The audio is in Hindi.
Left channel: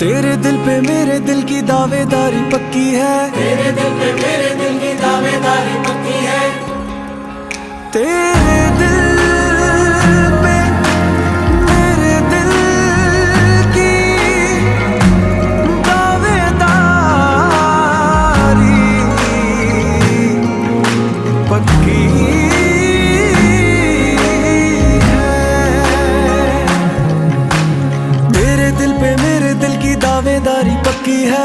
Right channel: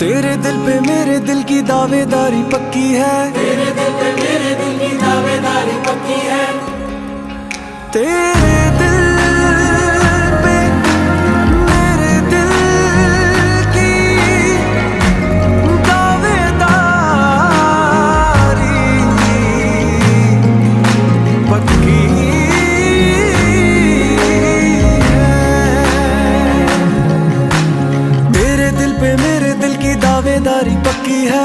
तेरे दिल पे मेरे दिल की दावेदारी पक्की है। तेरे दिल पे मेरे दिल की दावेदारी पक्की है। तेरे दिल पे मेरे दिल की दावेदारी पक्की है। तेरे दिल पे मेरे दिल की दावेदारी पक्की है।